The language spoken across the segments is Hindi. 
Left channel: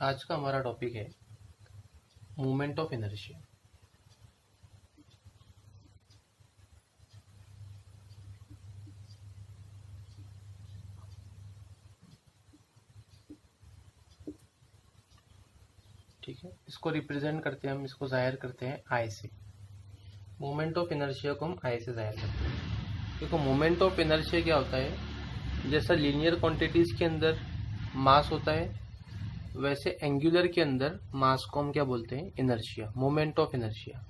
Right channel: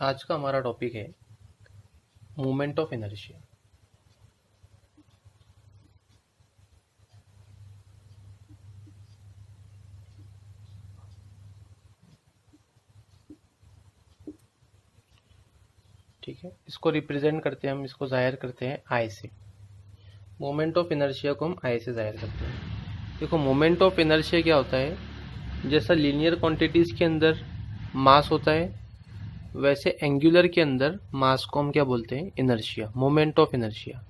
आज का हमारा टॉपिक है मूवमेंट ऑफ इनर्शिया। ठीक है, इसको रिप्रेजेंट करते हैं हम, इसको जाहिर करते हैं आई से। मोमेंट ऑफ इनर्शिया को हम आई से जाहिर करते हैं। देखो, मोमेंट ऑफ इनर्शिया क्या होता है, जैसा लीनियर क्वांटिटीज के अंदर मास होता है वैसे एंगुलर के अंदर मास को हम क्या बोलते हैं, इनर्शिया, मोमेंट ऑफ इनर्शिया।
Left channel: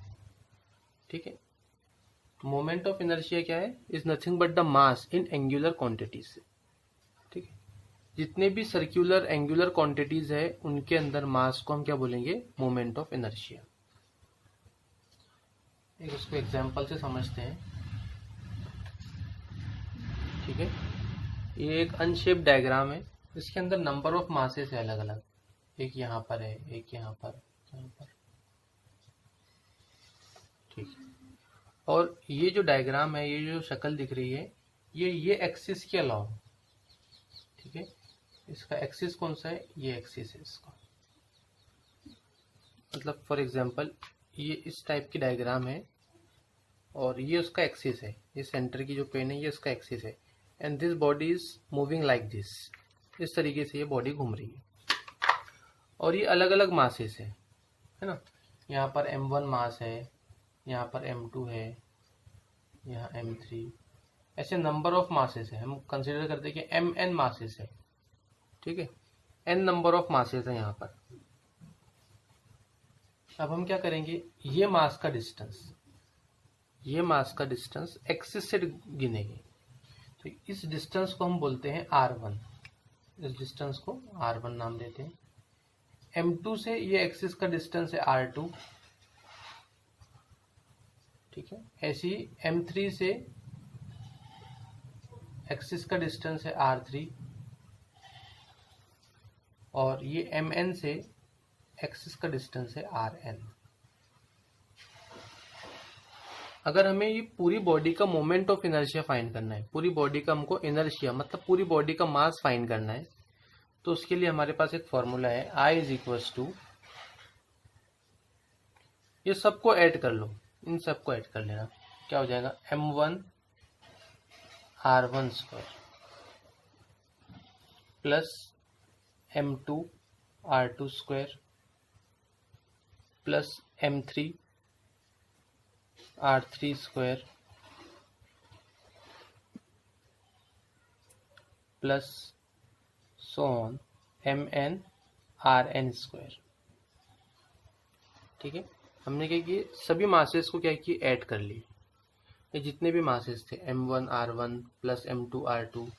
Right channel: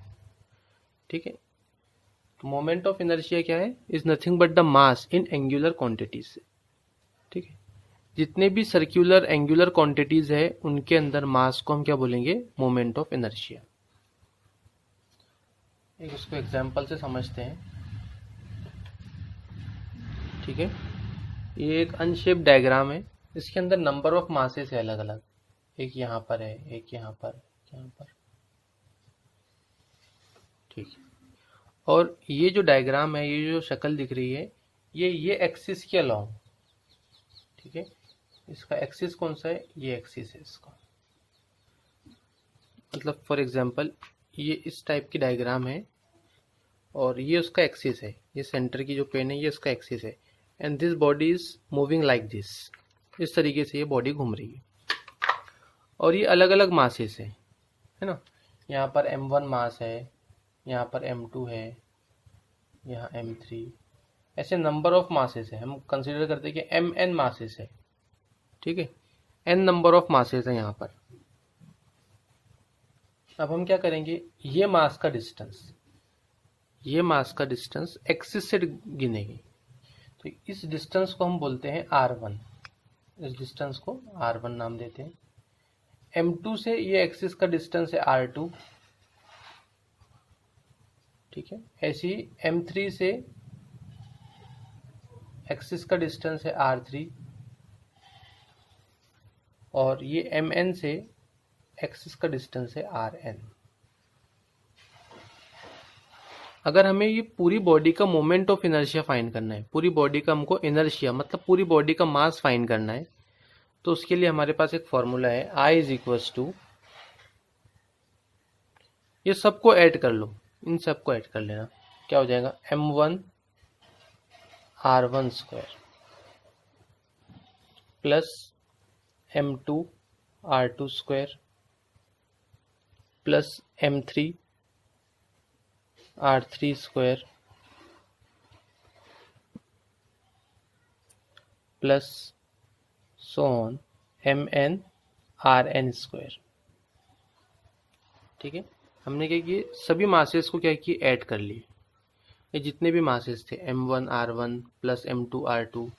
ठीक है, तो मोमेंट ऑफ इनर्शिया क्या है, is nothing but the mass in angular quantities. ठीक है, जितने भी सर्कुलर एंगुलर क्वांटिटीज है उनके अंदर मास को हम क्या बोलेंगे, मोमेंट ऑफ इनर्शिया। एक उसको एग्जांपल से समझते हैं। ठीक है, ये एक अनशेप्ड डायग्राम है, इसके अंदर नंबर ऑफ मासेस है अलग अलग। एक यहाँ पर है, एक यहाँ पर, यहाँ पर। ठीक है, और ये जो डायग्राम है, ये जो शक्ल दिख रही है, ये एक्सिस के अलाउ। ठीक है, इसका एक्सिस कौन सा है, ये एक्सिस है इसका। मतलब फॉर एग्जांपल ये इस टाइप की डायग्राम है और ये उसका एक्सिस है, ये सेंटर की जो पेन है ये इसका एक्सिस है, and this body is moving like this. इस तरीके से ये बॉडी घूम रही है और ये अलग अलग मासेस है ना। यहाँ पर m1 मास है, यहाँ पर m2 है, यहाँ m3, ऐसे नंबर ऑफ मासेस है। हम कंसिडर करते हैं कि mn मासेस है। ठीक है, n नंबर ऑफ मासेस है यहाँ पर। अब हम क्या करेंगे, ये मास का डिस्टेंस एक्सिस से गिनेंगे। तो इस डिस्टेंस को हम बोलते हैं r1। इस डिस्टेंस को r1 नाम देते हैं। m2 से ये एक्सिस का डिस्टेंस है r2। ठीक है, ऐसे ही m3 से एक्सिस का डिस्टेंस है r3 और ये mn से एक्सिस का डिस्टेंस है rn। अगर हमें ये पूरी बॉडी का मोमेंट ऑफ इनर्शिया फाइंड करना है, पूरी बॉडी का हमको इनर्शिया मतलब पूरी बॉडी का मास फाइंड करना है, तो उसके लिए हमारे पास एक फॉर्मूला है, I इज इक्वल्स टू, ये सबको ऐड कर लो, इन सबको ऐड कर लेना। क्या हो जाएगा, m1 r1 square plus m2 r2 square plus m3 r3 square plus so on mn rn square. ठीक है, हमने क्या किया, सभी मासेस को क्या किया, ऐड कर लिए। ये जितने भी मासेस थे m1 r1 plus m2 r2,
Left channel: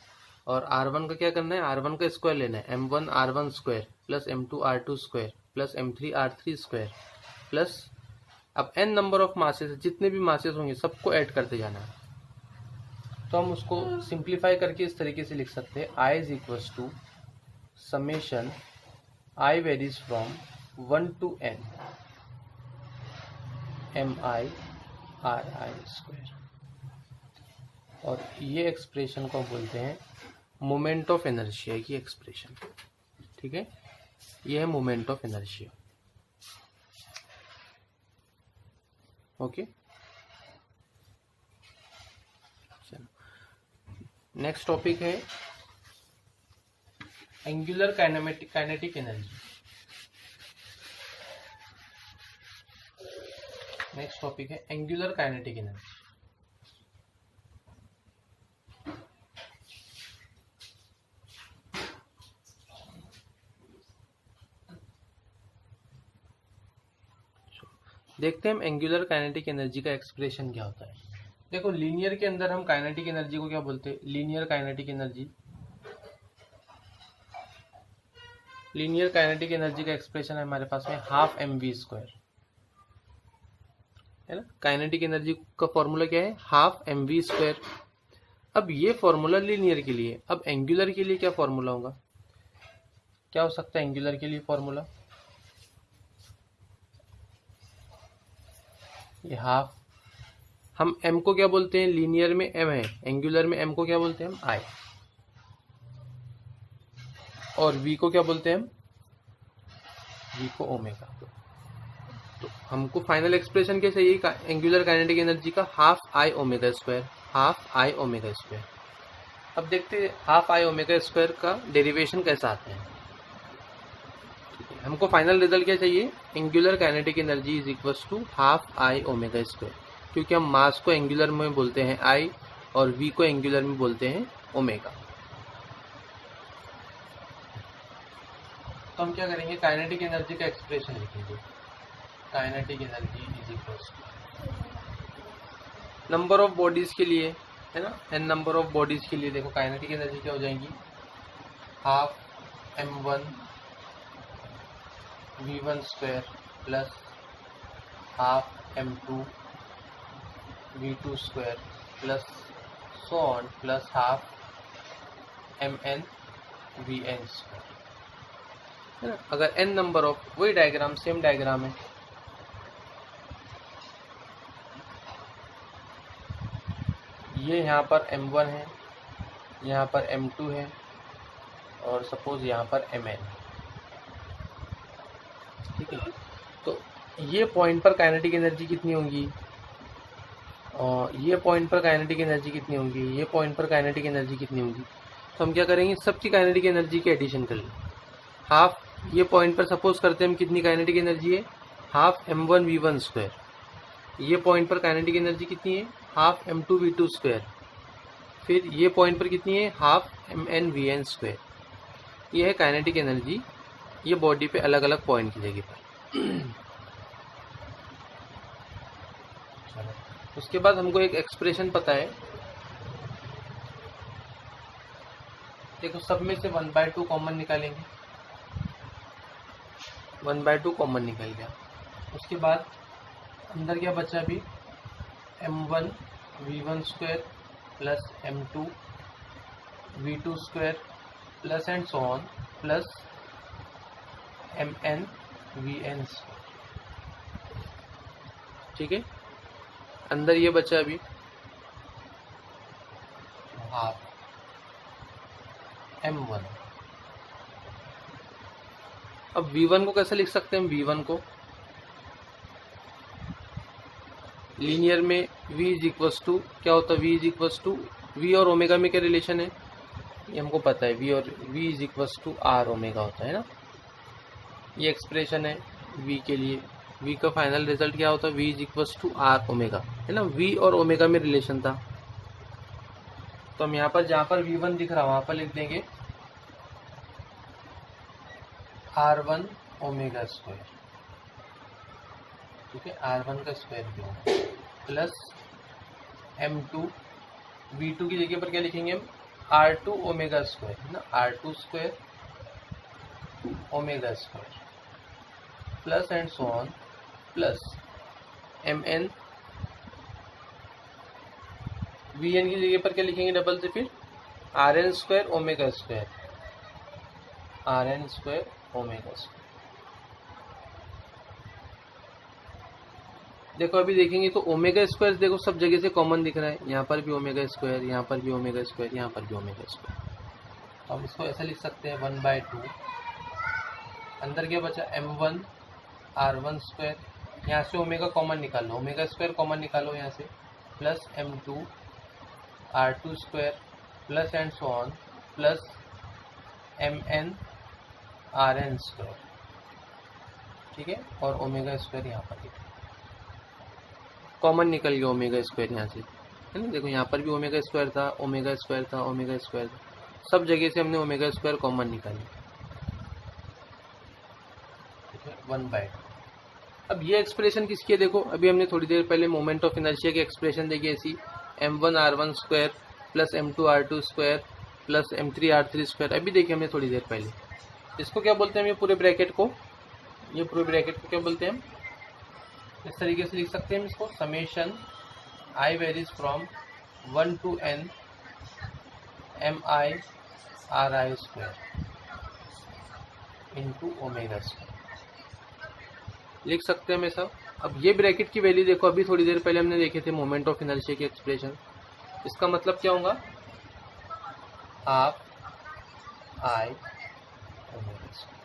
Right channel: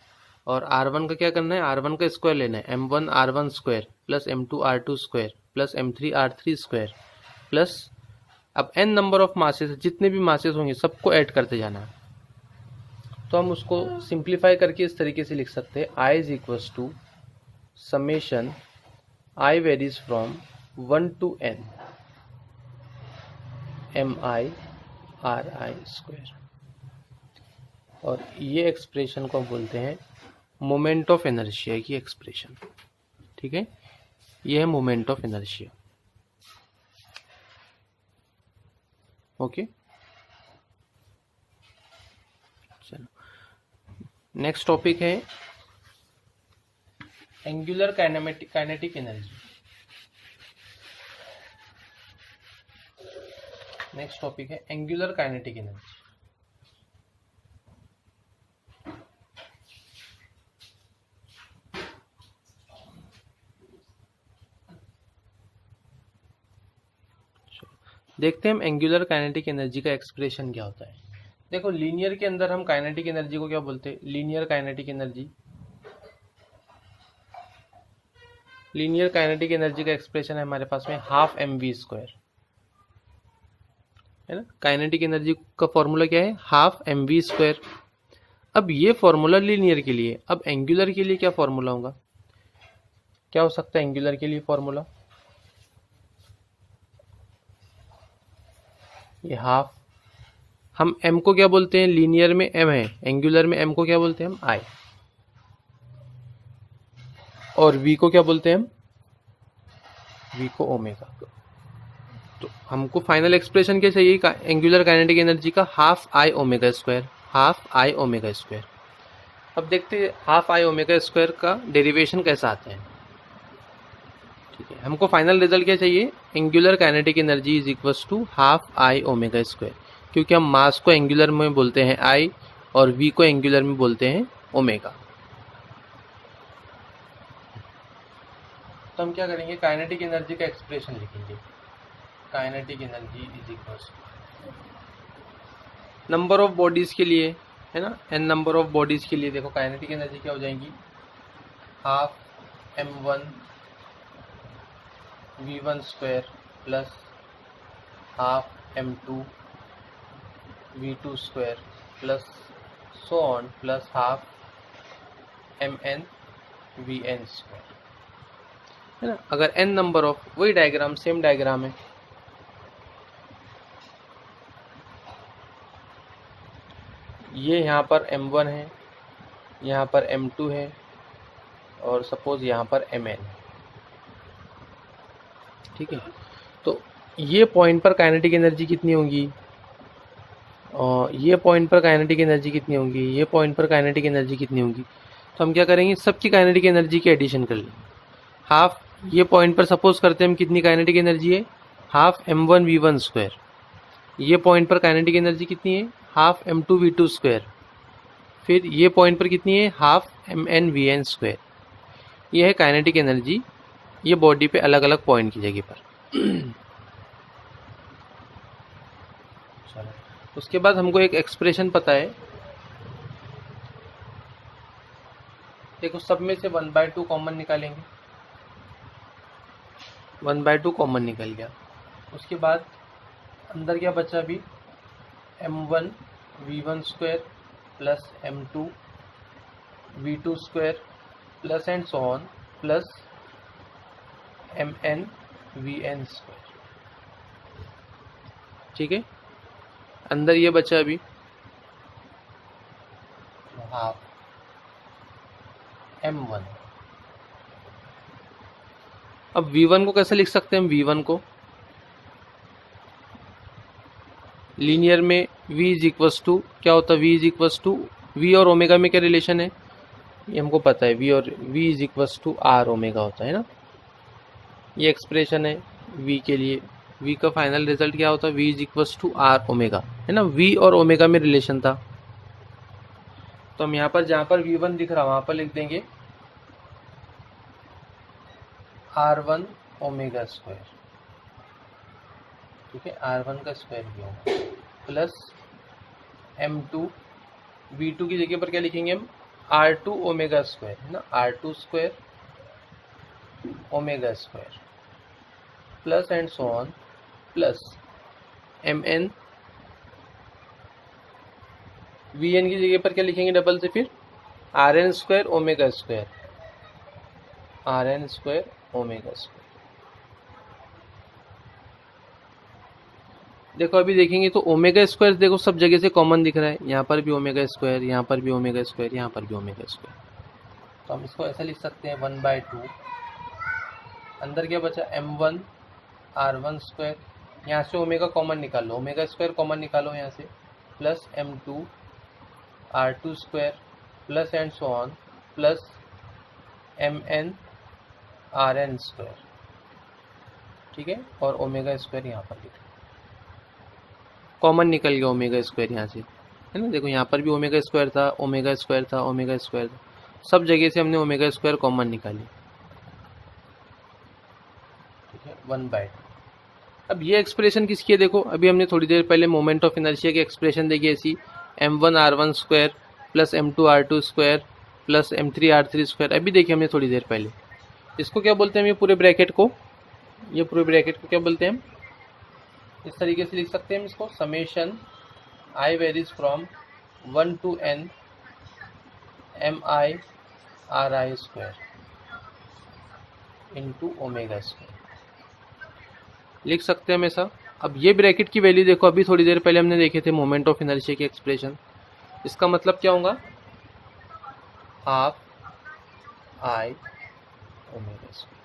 और r1 का क्या करना है, r1 का स्क्वायर लेना है, m1 r1 square plus m2 r2 square plus m3 r3 square plus, अब n नंबर ऑफ मासेस, जितने भी मासेस होंगे सबको ऐड करते जाना है। तो हम उसको सिंप्लीफाई करके इस तरीके से लिख सकते हैं, I is equals to summation I varies from 1 to n mi ri square. और ये एक्सप्रेशन को बोलते हैं मोमेंट ऑफ इनर्शिया की एक्सप्रेशन। ठीक है, ये है मोमेंट ऑफ इनर्शिया। ओके, चलो नेक्स्ट टॉपिक है angular kinetic energy. Next topic है एंगुलर काइनेटिक एनर्जी। देखते हैं हम एंगुलर काइनेटिक एनर्जी का एक्सप्रेशन क्या होता है। देखो, लीनियर के अंदर हम काइनेटिक एनर्जी को क्या बोलते हैं, linear kinetic energy. Linear kinetic energy का एक्सप्रेशन है हमारे पास में हाफ mv स्क्वायर, है ना। काइनेटिक एनर्जी का फॉर्मूला क्या है, हाफ mv स्क्वायर। अब ये फॉर्मूला लीनियर के लिए, अब एंगुलर के लिए क्या फॉर्मूला होगा, क्या हो सकता है एंगुलर के लिए फॉर्मूला, ये हाफ, हम m को क्या बोलते हैं, लीनियर में m है, एंगुलर में m को क्या बोलते हैं हम I, और v को क्या बोलते हैं हम v को ओमेगा। तो हमको फाइनल एक्सप्रेशन क्या चाहिए एंगुलर काइनेटिक एनर्जी का, half I omega square, half I omega square. अब देखते हैं हाफ आई ओमेगा स्क्वायर का डेरिवेशन कैसा आता है। ठीक है, हमको फाइनल रिजल्ट क्या चाहिए, angular kinetic energy is equals to half I omega square, क्योंकि हम मास को एंगुलर में बोलते हैं आई और v को एंगुलर में बोलते हैं ओमेगा। तो हम क्या करेंगे, काइनेटिक एनर्जी का एक्सप्रेशन लिखेंगे। Kinetic energy is equals to number of bodies के लिए है ना, n नंबर ऑफ बॉडीज के लिए देखो काइनेटिक एनर्जी क्या हो जाएंगी, half m1 v1 square plus half m2 v2 square plus so on plus half mn vn square, है ना। अगर n नंबर ऑफ, वही डायग्राम, सेम डायग्राम है, ये यहाँ पर m1 है, यहाँ पर m2 है और सपोज यहाँ पर mn, ठीक है। तो ये पॉइंट पर काइनेटिक एनर्जी कितनी होगी, और ये पॉइंट पर काइनेटिक एनर्जी कितनी होगी, ये पॉइंट पर काइनेटिक एनर्जी कितनी होगी। तो हम क्या करेंगे, सबकी काइनेटिक एनर्जी की एडिशन कर लें। हाफ, ये पॉइंट पर सपोज करते हैं हम कितनी काइनेटिक एनर्जी है, हाफ m1 v1 स्क्वायर। ये पॉइंट पर काइनेटिक एनर्जी कितनी है, हाफ m2 v2 स्क्वायर। फिर ये पॉइंट पर कितनी है, हाफ mn vn स्क्वायर। ये है काइनेटिक एनर्जी, ये बॉडी पे अलग अलग पॉइंट की जगह पर। उसके बाद हमको एक एक्सप्रेशन पता है, देखो सब में से 1/2 कॉमन निकालेंगे, 1/2 कॉमन निकल गया। उसके बाद अंदर क्या बचा, भी m1 v1 square plus m2 v2 square plus and so on plus mn vn square, ठीक है। अंदर ये बचा अभी हाफ m1। अब v1 को कैसे लिख सकते हैं हम, v1 को लीनियर में v इज इक्वल्स टू क्या होता है, v is equals to, v और ओमेगा में क्या रिलेशन है ये हमको पता है, v और v is equals to r omega होता है ना। ये एक्सप्रेशन है v के लिए, v का फाइनल रिजल्ट क्या होता है, v is equals to r omega, है ना। v और ओमेगा में रिलेशन था, तो हम यहाँ पर जहाँ पर v1 दिख रहा है वहाँ पर लिख देंगे r1 ओमेगा स्क्वायर, ठीक है, r1 का स्क्वायर भी होगा प्लस m2 v2 की जगह पर क्या लिखेंगे हम, r2 ओमेगा स्क्वायर, है ना, r2 square omega square plus and so on plus mn vn की जगह पर क्या लिखेंगे डबल से, फिर rn square omega square, rn square omega square. देखो अभी देखेंगे तो ओमेगा स्क्वायर देखो सब जगह से कॉमन दिख रहा है, यहाँ पर भी ओमेगा स्क्वायर, यहाँ पर भी ओमेगा स्क्वायर, यहाँ पर भी ओमेगा स्क्वायर। तो हम इसको ऐसा लिख सकते हैं 1/2, अंदर क्या बचा m1 r1 स्क्वायर, यहाँ से ओमेगा कॉमन निकालो, ओमेगा स्क्वायर कॉमन निकालो यहाँ से, plus m2 r2 square plus and so on plus mn rn square, ठीक है, और ओमेगा स्क्वायर यहाँ पर लिखो, कॉमन निकल गया ओमेगा स्क्वायर यहाँ से, है ना। देखो यहाँ पर भी ओमेगा स्क्वायर था, ओमेगा स्क्वायर था, ओमेगा स्क्वायर था, सब जगह से हमने ओमेगा स्क्वायर कॉमन निकाली, ठीक है, 1/2। अब ये एक्सप्रेशन किसकी है, देखो अभी हमने थोड़ी देर पहले मोमेंट ऑफ इनर्शिया की एक्सप्रेशन देखी ऐसी, m1 r1 square plus m2 r2 square plus m3 r3 square. अभी देखिए हमने थोड़ी देर पहले, इसको क्या बोलते हैं, ये पूरे ब्रैकेट को, ये पूरे ब्रैकेट को क्या बोलते हैं हम, इस तरीके से लिख सकते हैं हम इसको, summation i varies from 1 to n mi ri square into omega square, लिख सकते हैं हम ऐसा। अब ये ब्रैकेट की वैल्यू देखो, अभी थोड़ी देर पहले हमने देखे थे मोमेंट ऑफ इनर्शिया के एक्सप्रेशन, इसका मतलब क्या होगा, हाफ आई ओमेगा स्क्वायर,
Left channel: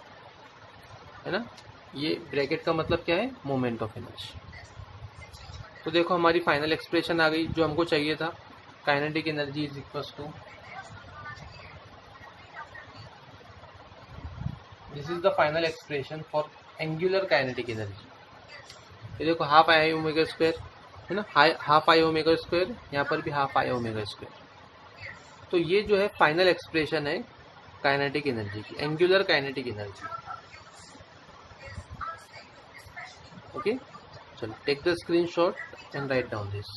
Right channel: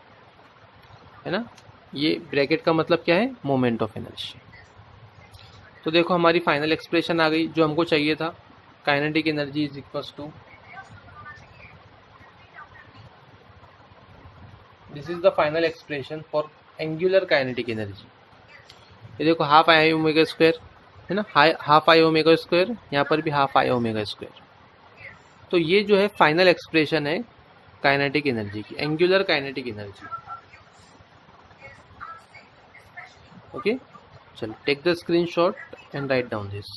है ना। ये ब्रैकेट का मतलब क्या है, मोमेंट ऑफ इनर्शिया। तो देखो हमारी फाइनल एक्सप्रेशन आ गई जो हमको चाहिए था, kinetic energy is equals to, this is the final expression for angular kinetic energy. ये देखो हाफ आई ओमेगा स्क्वायर है ना, हाफ आई ओमेगा स्क्वायर, यहाँ पर भी हाफ आई ओमेगा स्क्वायर। तो ये जो है फाइनल एक्सप्रेशन है काइनेटिक एनर्जी की, एंगुलर काइनेटिक एनर्जी। ओके, चलो take the screenshot and write down this.